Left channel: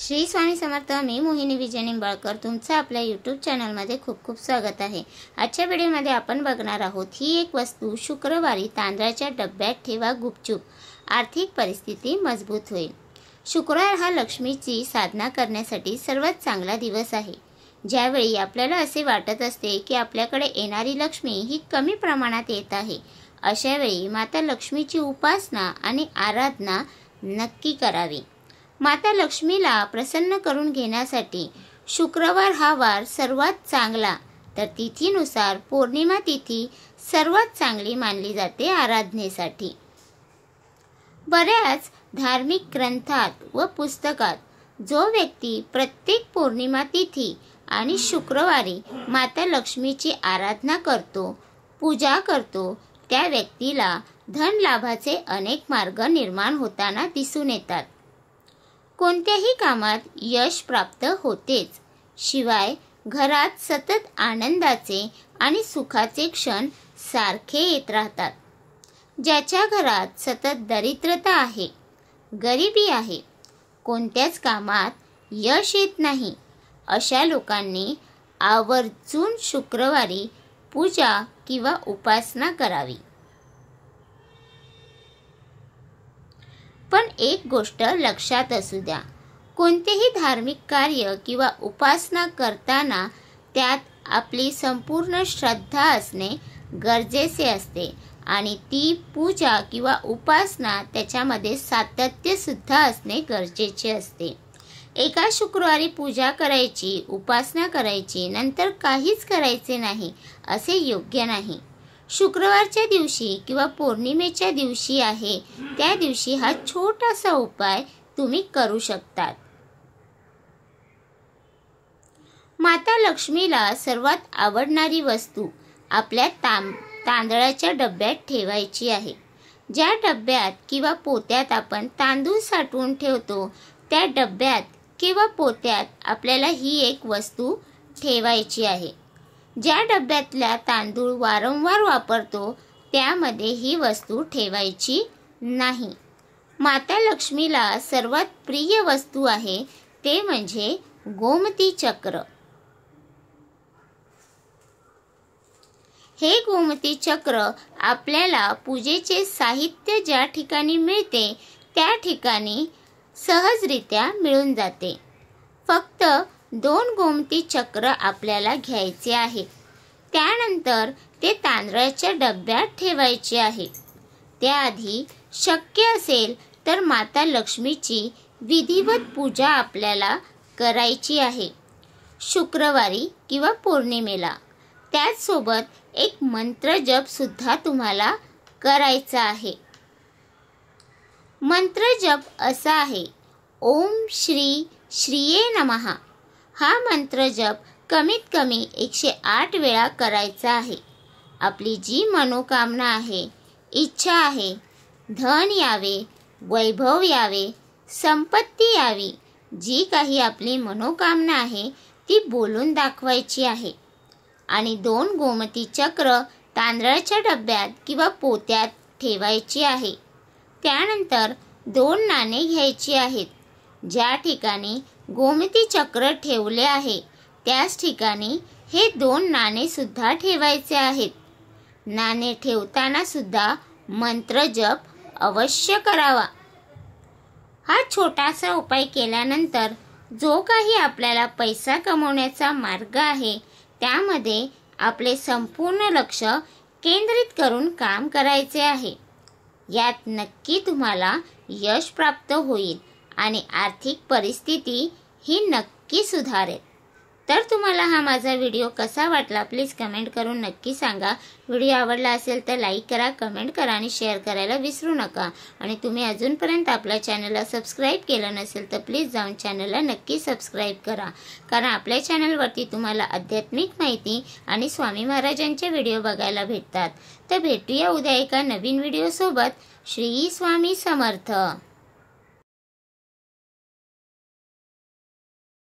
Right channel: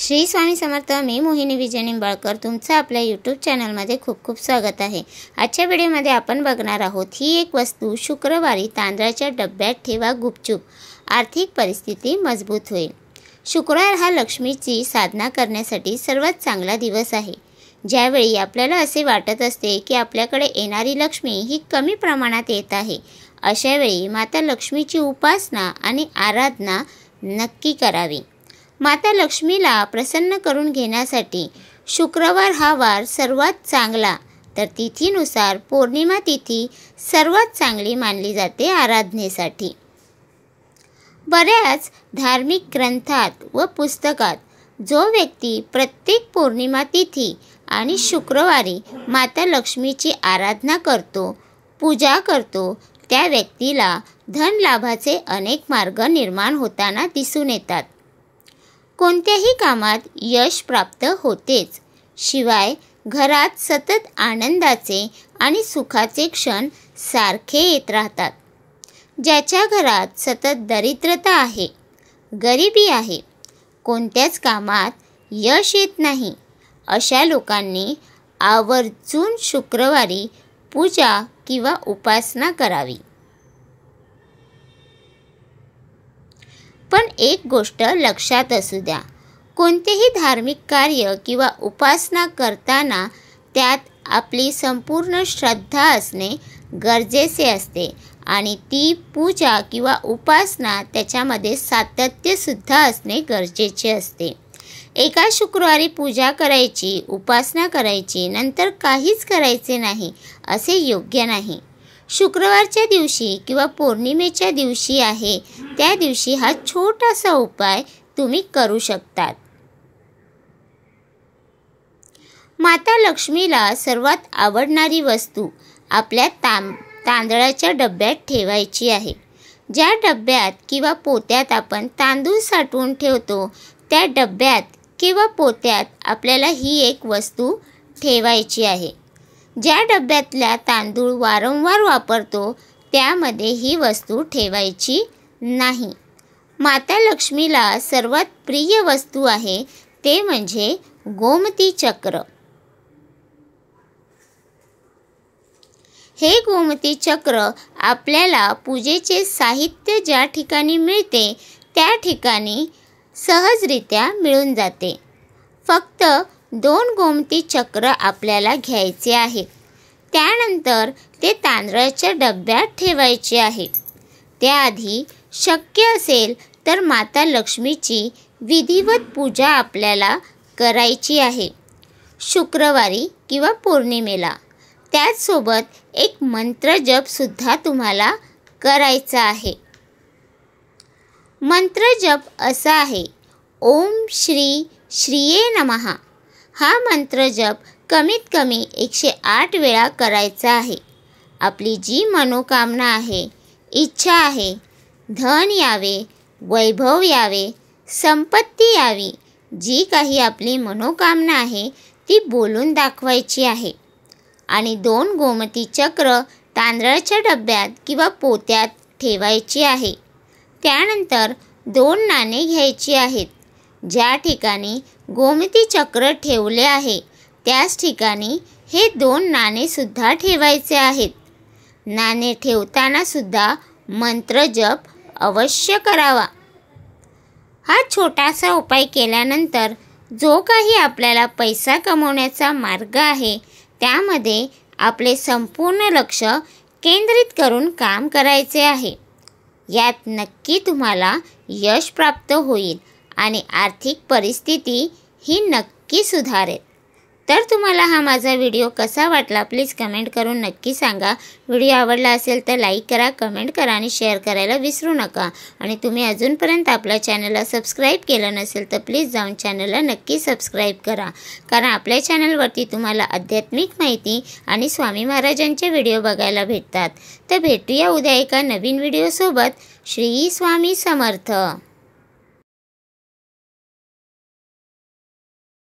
श्री स्वामी समर्थ। मी मोहिनी विजय निंबाळकर तुमचं आपल्या यूट्यूब चॅनलमध्ये खूप खूप स्वागत आहे। आजच्या व्हिडिओमध्ये आपण बघणार आहोत ही एक वस्तू शुक्रवारी तांदळाच्या डब्यात ठेवा, गुपचूप आर्थिक परिस्थिती मजबूत होईल। शुक्रवार हा लक्ष्मीची साधना करण्यासाठी सर्वात चांगला दिवस आहे। ज्यावेळी आपल्याला असे वाटत असते की आपल्याकडे येणारी लक्ष्मी ही कमी प्रमाणात येत आहे, अशा वेळी माता लक्ष्मीची उपासना आणि आराधना नक्की करावी। माता लक्ष्मीला प्रसन्न करून घेण्यासाठी शुक्रवार हा वार सर्वात चांगला, तर तिथीनुसार पौर्णिमा तिथी सर्वात चांगली मानली जाते आराधनेसाठी। बऱ्याच धार्मिक ग्रंथात व पुस्तकात जो व्यक्ती प्रत्येक पौर्णिमा तिथी आणि शुक्रवारी माता लक्ष्मीची आराधना करतो, पूजा करतो, त्या व्यक्तीला धन लाभाचे अनेक मार्ग निर्माण होताना दिसून येतात। कोणत्याही कामात यश प्राप्त होतेच, शिवाय घरात सतत आनंदाचे आणि सुखाचे क्षण सारखे येत राहतात। ज्याच्या घरात सतत दरिद्रता आहे, गरिबी आहे, कोणत्याच कामात यश येत नाही, अशा लोकांनी आवर्जून शुक्रवारी पूजा किंवा उपासना करावी। पण एक गोष्ट लक्षात असू द्या, कोणतेही धार्मिक कार्य किंवा उपासना करताना त्यात आपली संपूर्ण श्रद्धा असणे गरजेचे असते आणि ती पूजा किंवा उपासना त्याच्यामध्ये सातत्य सुद्धा असणे गरजेचे असते। एका शुक्रवारी पूजा करायची, उपासना करायची, नंतर काहीच करायचे नाही असे योग्य नाही। शुक्रवारच्या दिवशी किंवा पौर्णिमेच्या दिवशी आहे त्या दिवशी हा छोटासा उपाय तुम्ही करू शकतात। माता लक्ष्मीला सर्वात आवडणारी वस्तू आपल्या तांदळाच्या डब्यात ठेवायची आहे। ज्या डब्यात किंवा पोत्यात आपण तांदूळ साठवून ठेवतो त्या डब्यात किंवा पोत्यात आपल्याला ही एक वस्तू ठेवायची आहे। ज्या डब्यातल्या तांदूळ वारंवार वापरतो त्यामध्ये ही वस्तू ठेवायची नाही। माता लक्ष्मीला सर्वात प्रिय वस्तू आहे ते म्हणजे गोमती चक्र। हे गोमती चक्र आपल्याला पूजेचे साहित्य ज्या ठिकाणी मिळते त्या ठिकाणी सहजरित्या मिळून जाते। फक्त 2 गोमती चक्र आपल्याला घ्यायचे आहेत, त्यानंतर ते तांदळाच्या डब्यात ठेवायचे आहे। त्याआधी शक्य असेल तर माता लक्ष्मीची विधिवत पूजा आपल्याला करायची आहे शुक्रवारी किंवा पौर्णिमेला। त्याचसोबत एक मंत्र जप सुद्धा तुम्हाला करायचा आहे। मंत्र जप असा आहे, ओम श्री श्रीये नमः। हा मंत्र जप कमीत कमी 108 वेळा करायचा आहे। आपली जी मनोकामना आहे, इच्छा आहे, धन यावे, वैभव यावे, संपत्ती यावी, जी काही आपली मनोकामना आहे ती बोलून दाखवायची आहे आणि 2 गोमती चक्र तांदळाच्या डब्यात किंवा पोत्यात ठेवायची आहे। त्यानंतर 2 नाणे घ्यायची आहेत। ज्या ठिकाणी गोमती चक्र ठेवले आहे त्याच ठिकाणी हे 2 नाणे सुद्धा ठेवायचे आहेत। नाणे ठेवताना सुद्धा मंत्र जप अवश्य करावा। हा छोटासा उपाय केल्यानंतर जो काही आपल्याला पैसा कमवण्याचा मार्ग आहे त्यामध्ये आपले संपूर्ण लक्ष केंद्रित करून काम करायचे आहे। यात नक्की तुम्हाला यश प्राप्त होईल आणि आर्थिक परिस्थिती ही नक्की सुधारेल। तर तुम्हाला हा माझा व्हिडिओ कसा वाटला प्लीज कमेंट करून नक्की सांगा। व्हिडिओ आवडला असेल तर लाईक करा, कमेंट करा आणि शेअर करायला विसरू नका। आणि तुम्ही अजूनपर्यंत आपल्या चॅनलला सबस्क्राईब केलं नसेल तर प्लीज जाऊन चॅनलला नक्की सबस्क्राईब करा, कारण आपल्या चॅनलवरती तुम्हाला आध्यात्मिक माहिती आणि स्वामी महाराजांचे व्हिडिओ बघायला भेटतात। तर भेटूया उद्या एका नवीन व्हिडिओसोबत। श्री स्वामी समर्थ।